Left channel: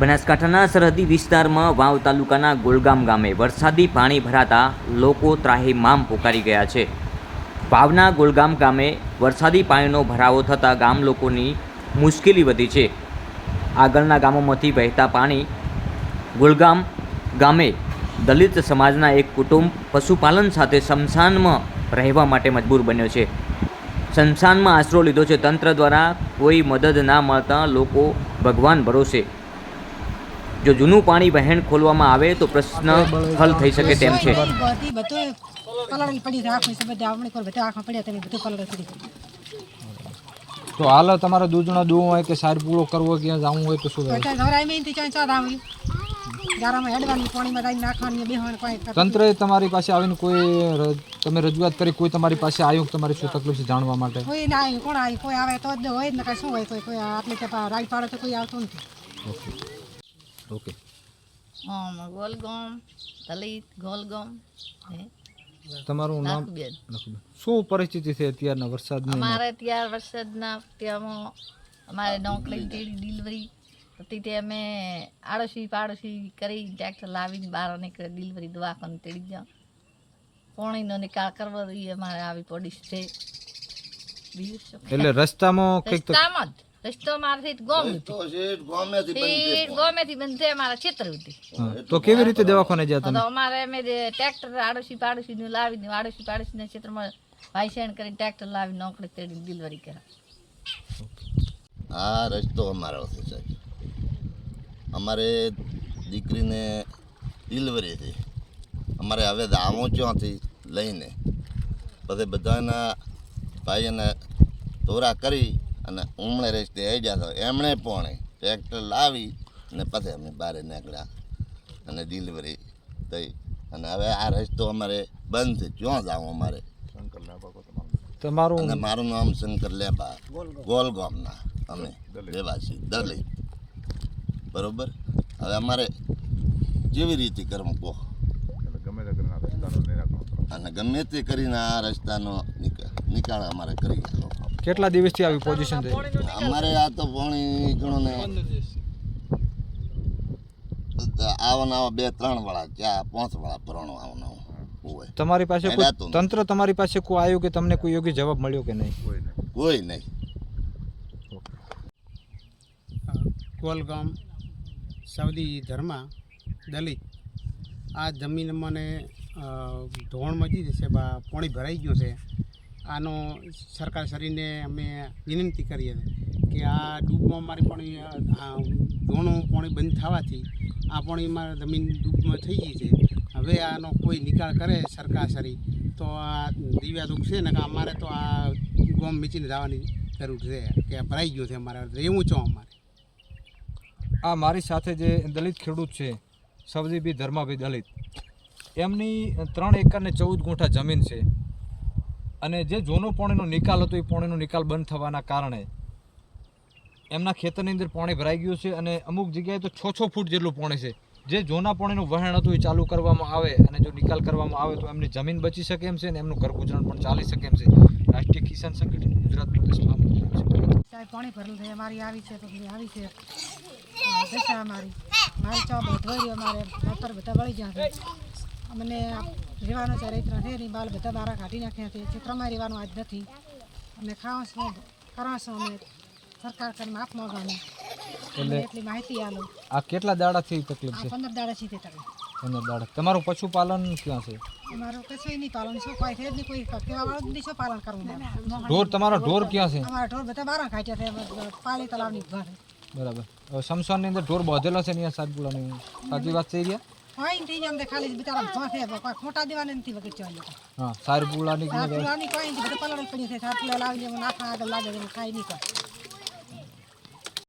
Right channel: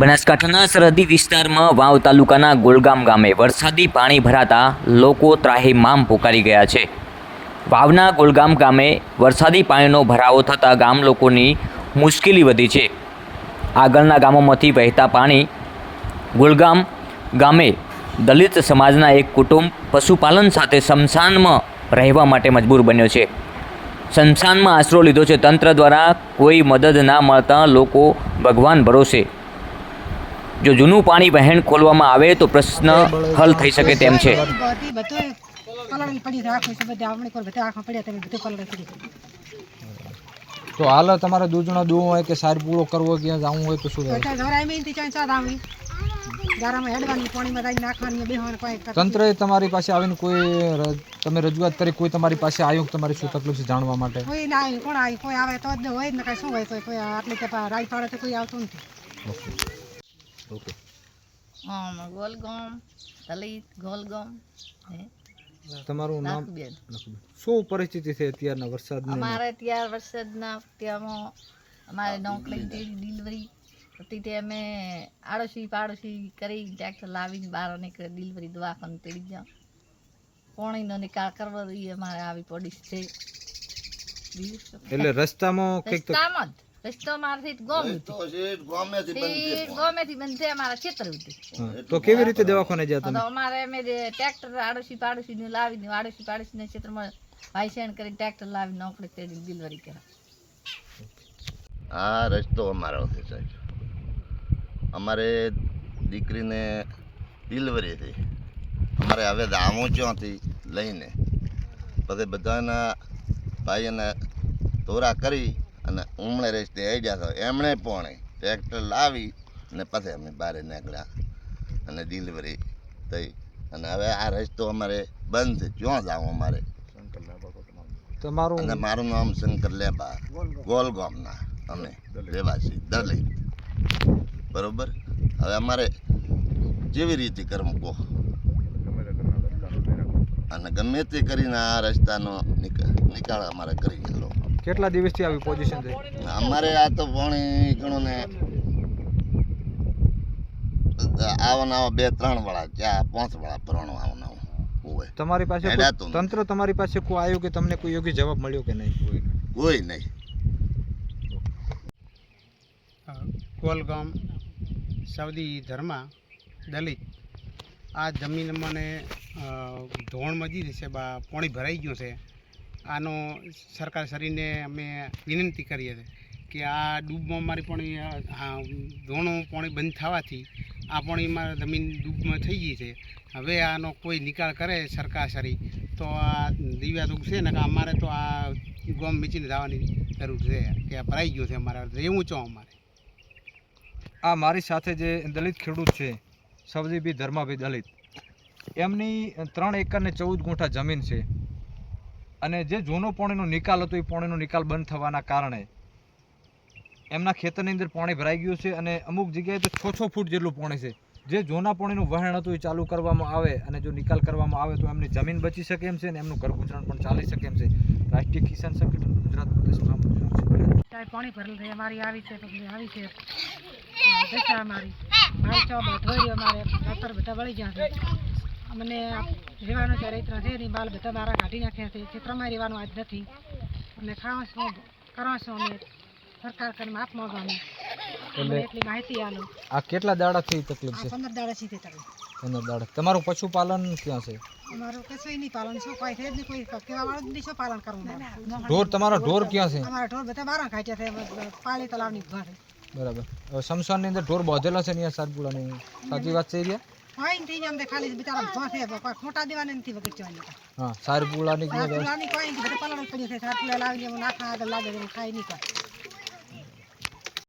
બનાસકાંઠાના સરહદી વિસ્તારમાં વાવ તાલુકાના ગોલગામ ગામે વરસાદી પાણી ભરાતા લોકો ત્રાહિમામ પોકારી ગયા છે. વાવના ગોલગામ ગામે વરસાદી પાણીનો ભરાવો થતાં ગામ લોકોની મુશ્કેલી વધી છે. આગળના ગામોમાંથી વહેતા પાણી ગોલગામ ગામે દલિત સમાજના એક કુટુંબ પશુપાલન સાથે સ્મશાનમાં રહેવા માટે મજબૂર બન્યો છે. સ્મશાનમાં આશરો લીધો છે. તંત્ર દ્વારા કોઈ મદદ ના મળતા લોકો ભગવાન ભરોસે. જો જૂનું પાણી વહેણ ખોલવામાં આવે તો પ્રશ્ન હલ થઈ શકે તેમ છે. તો હાલ તમારે દૂધનો દૂવો હોય કે સાર પૂરો કરવો ક્યાં જવું હોય તો શું તંત્રએ તમારી પાસે આવીને કોઈ તમે રજૂઆત કરી, કોઈ તમારી પાસે આવ્યું તમારી શું તકલીફ છે જાણવા માટે? કોઈ ના આવ્યું. કોણ આવ્યું? કોઈ આવે તો જ હોય ને, કઈ શું હોય? કોઈ આટલી કે રાઈ પાડે તો કોઈ આવતું નથી. ઓકે. ગોલગામ દલિત ગોલગામ. તમારું નામ? શું પરિસ્થિતિ છે અત્યારના વરસાદની? અમારે ત્યાં વરસાદના ત્યાંમાં અમારે નોકરી ડિલિવરી હતી તે અમે આડોશી પાડોશી કરી ટ્રેક્ટર લાવીને બહાર નીકળે ડિલિવરી દવાખાને તેડી જાઓ. પાણીનો નિકાલ કરવો જોઈએ અમારે આવી પડી છે. એટલે રસ્તામાં રસ્તો મારથી ગોમેથી બંધ છે અમારા ક્ષેત્ર હતી. તો કેવી રીતે દવાખાને જતા? તો અમારે અમે ટ્રેક્ટર આડોશી પાડોશીને લાવીને આડોશી પાડોશીના ક્ષેત્રમાં વાયસેણ કરીને ટ્રેક્ટર લાવીને નોકરી તેડી ડિલિવરી કરે. આ રસ્તો અમારો છે સાહેબ. અમારે દીકરીને ડિલિવરી થઈ. અમારે હવે દામો ચોથી લઈને પછી બધાના ભાઈને તોરા કરી અને ઉમળે રસ્તે આવી તો એમણે પણ ટ્રેક્ટર લાવી અને પછી અમે બહાર નીકળ્યા અને ડિલિવરી થઈ. અને હવે આ રસ્તો અમારે બંધ છે. ક્યાં જાઉં અમારે? તમારું? અને મારું નામ શંકર લેબા, ગોલગામના અમે રહેવાસી દલિત. બરોબર. હવે અમારે જેવી રીતે કરવું કહો, અને ગમે તે કરીને આ રસ્તાનો નિકાલ અમારે કરી ગયેલો. કેટલા દિવસથી આવી પોઝિશન થઈ? અમારે આ તો પાણી ગણો ને આવા 2-3 વાળા 4-5 વાળા ભરણો આવવાનો હોય. તમારી પાસે તંત્ર તમારી પાસે કોઈ આવ્યું કે તમને કોઈ યોગ્ય જવાબ મળ્યો કે નહીં? કોઈ નહીં. ગોલગામ સાઉદી ધર્મા દલિત. આ જમીન મને ધોણ મજી છે, પાણી ભરાઈ ગયું છે. આનો સરકાર શ્રીને અમે વિનંતી કરીએ છીએ કે આ ડૂબમાં મારી પાણી ધોણું પાણી બંધ થવાથી આ પાણી મારી જમીન ડૂબમાં થઈ ગઈ છે. હવે આનો કોઈ નિકાલ કરે સરકાર શ્રી તો આ દિવ્યા દુઃખ છે ને કે અમારે તો આ ગામ મીચીને જવાની જરૂર છે કે આ ભરાઈ ગયું છે. અમારે રહેવું છો અમારે. આ મારી સાથે જે દલિત ખેડૂત છે સવજીભાઈ ધર્માભાઈ દલિત, એમની 3 એકર ને 14 ગુંઠા જમીન છે. અને જે જૂનો પાણીનો નિકાલ હતો એ પાણીનો નિકાલ બંધ થવાના કારણે એમના ખેતરની અંદર પાણી ભરાઈ ગયું છે. અને અમુક જગ્યાએ તો 6-6 ફૂટ જેટલું પાણી છે. જે જૂના પાણીનું વહેણ હતું એ ચાલુ કરવામાં આવે અને જો નિકાલ કરવામાં આવે તો એમની જમીન બચી શકે એમ છે અને એમનું ઘર ગુજરાન પણ ચાલી શકે એમ છે. રાષ્ટ્રીય કિસાન સંગઠન ગુજરાત પ્રદેશમાં પાણી ભરેલું છે. અમારી આવી છે તો આવી છે દશા અમારી માલ ચો બધો અમારે ખાતર બધા વળી ગયા છે. અમને રહેવાનો છે રૈત્ર છે નહીં. બાલ બધા મારા કાઢી નાખ્યા છે. ચિત્રમાં રહેવાનું આજ નથી. અને ખાવા શું કરવા શું અમે સરકાર કરીને માફ માંગવાનું એટલી માહિતી આલો. આ કેટલા દાડાથી તકલીફ છે? 15 દાડાથી તે તકલીફ. 15 દાડા. તમારું પશુપાલન ક્યાં છે? અમારું કશું નહીં પાલન. શું કોઈ છે જ નહીં. કોઈ કેવા વાળું જ નહીં. શું પાલન કરવું? ઢોર? તમારા ઢોર ક્યાં છે? અમારા ઢોર બધા બહાર ખાઈ છે. પાળી તલાવની ઘર. બરાબર. શમશાનની અંદર ઢોર બાંધેલા છે અહીંયા સાતપુલાની. સાચી વાત છે રહ્યા? કોઈ નથી. અમને ખાલી બિચારા ભોંસે કોઈ ખોટા દેવાને નથી વગર ચવાય. હા, સારપુલાની કોઈ નથી. બધું પલળ પડ્યું છે. સારપુલા લાવીને નાખા આગળ લાગે ખાઈ નહીં કોઈ.